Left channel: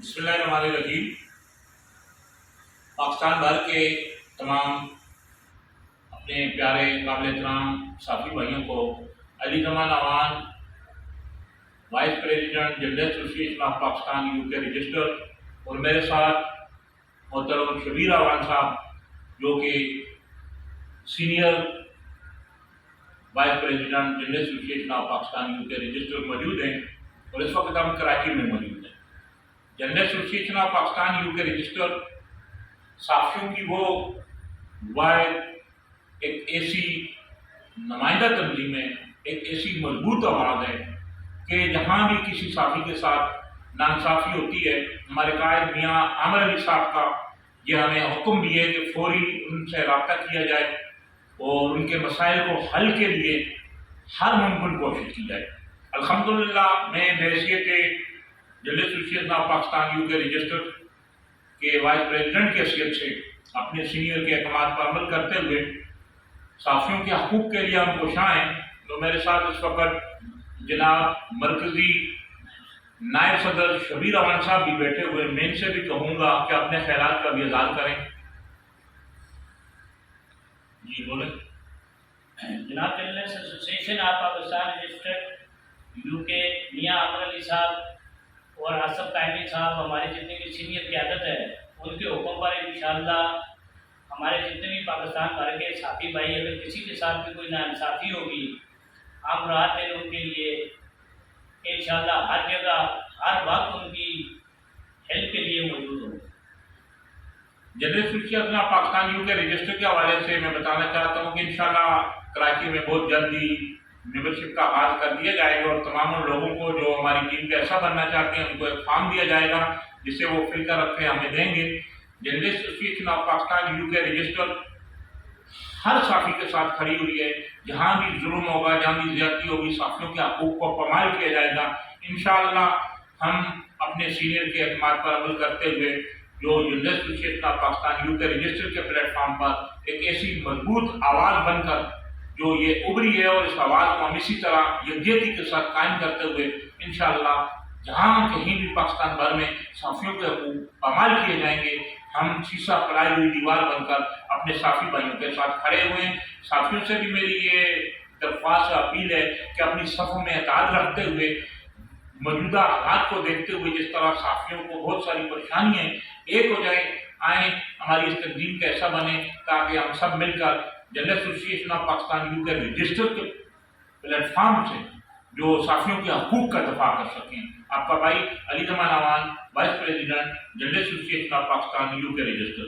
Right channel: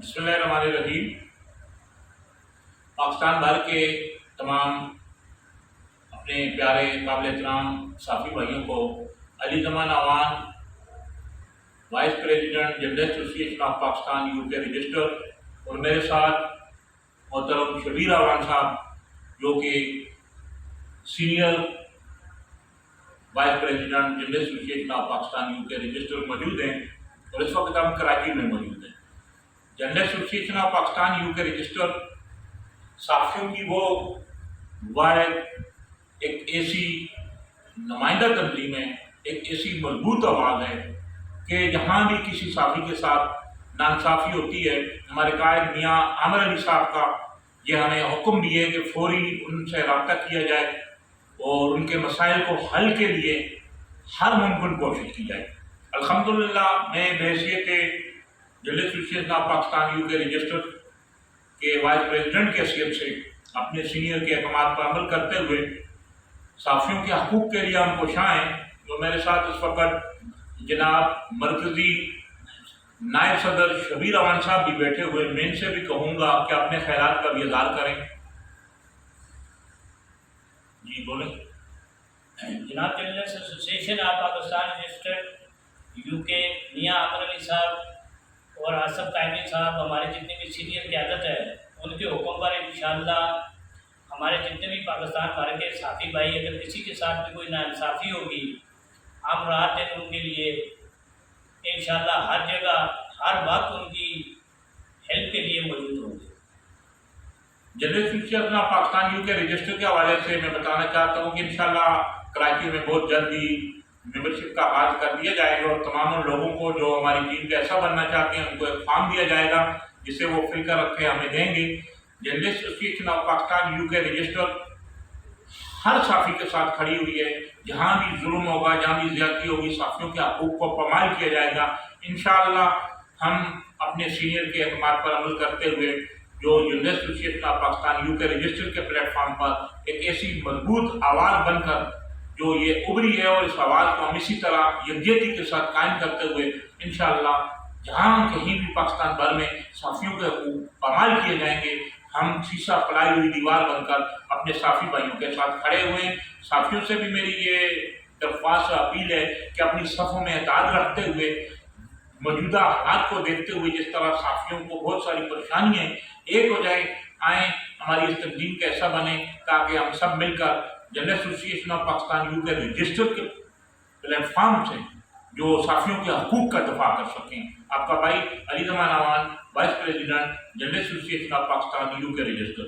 बिस्मिल्लाहिर्रहमानिर्रहीम। पाकिस्तान भर के तमाम अपने प्यारे काबिल एहतराम साफ़ी भाइयों को Ali Zaman Awan vice president general association of Pakistan UK register और मेरे साथ मोहतरम शबीर अवान साहब जो कि senior vice president general association of Pakistan UK register मौजूद हैं और इस वक्त हम कराची में मौजूद हैं। General association of Pakistan UK register साफियों की वो वाहिद एक ऐसी नुमाइंदा तंजीम है, एक ऐसी मजबूत आवाज़ है कि जहाँ भी किसी साफी के साथ नाइंसाफ़ी होती है, हमारे कायद मियाँ आमिर अली साहब का ये हमें हुक्म भी है कि फौरी उनसे रब्ता किया जाए और उनके मसाइल को हल के लिए हर मुमकिन कोशिश की जाए। अल्हम्दुलिल्लाह मैं बहैसियत general association of Pakistan UK register के वाइस प्रेसिडेंट की हैसियत से अपने सीनियर के अहकाम पर अमल करते हुए साफियों के हकूक़ के लिए हम कोशां हैं। तो मेरे साथ इस वक्त जनाब मरकज़ी नायब सदर शबीर अवान साहब भी बैठे हुए, मैं इनसे भी कहूँगा कि अपने ख्यालात का भी इज़हार करें। जी बोलें। जनाब general association of Pakistan registered UK मियाँ आमिर अली साहब और आसफ कायमी साहब हमारे जितने भी सीनियर क़यादत है उनके हुक्म पर इंशाअल्लाह हमारे जितने भी पाकिस्तान भर के साथी भाई अगर किसी के साथ भी कोई नाइंसाफ़ी होगी हम रात दिन उनके लिए इंशाअल्लाह हर जगह हर वक्त उनकी हेल्प के लिए मौजूद होंगे। General association of Pakistan UK register के हवाले से मैं बताना चाहता हूँ कि इंशाअल्लाह कराची में बहुत जल्दी मेंबरशिप का आगाज़ कर दिया जाएगा और तमाम उन लोगों को जो हमारी टीम का हिस्सा बनना चाहते हैं उनको एक फॉर्म दिया जाएगा जिसे वो फिल कर रखे हमें देंगे। General association of Pakistan UK register हर साफ़ी के साथ खड़ी हुई है। जहाँ भी जुल्म होगा, जहाँ भी ज़्यादती होगी, साफ़ियों के हकूक़ को पामाल किया जाएगा। इंशाअल्लाह हम अपने सीनियर के अहकाम पर अमल करते हुए जो general association of Pakistan UK register के प्लेटफॉर्म पर एक ऐसी मजबूत आवाज़ बनकर जो ये उभरी है और इस आवाज़ को हम इसी तरह यकजहती के साथ कायम करते हुए इंशाअल्लाह जहाँ कहीं भी पाकिस्तान भर में साफ़ियों के हकूक़ पामाल किए जाएंगे, हम शीशा पलाई हुई दीवार बनकर अपने साफ़ी भाइयों के साथ खड़े हुए हैं। साफ़ियों से भी मेरी ये दरख्वास्त अपील है कि अपनी सफ़ों में एतमाद रखते हुए मौजूदा हालात को देखते हुए जिस तरह साफ़ियों को बहुत सारी परेशानियाँ एक हो जाए, आएँ हमारी इस तंजीम का हिस्सा बने ताकि हम सब मिलकर general association of Pakistan UK register के प्लेटफॉर्म से जो साफ़ियों के हकूक़ का दफा कर सकें। आपका भाई Ali Zaman Awan vice president general association of Pakistan UK register.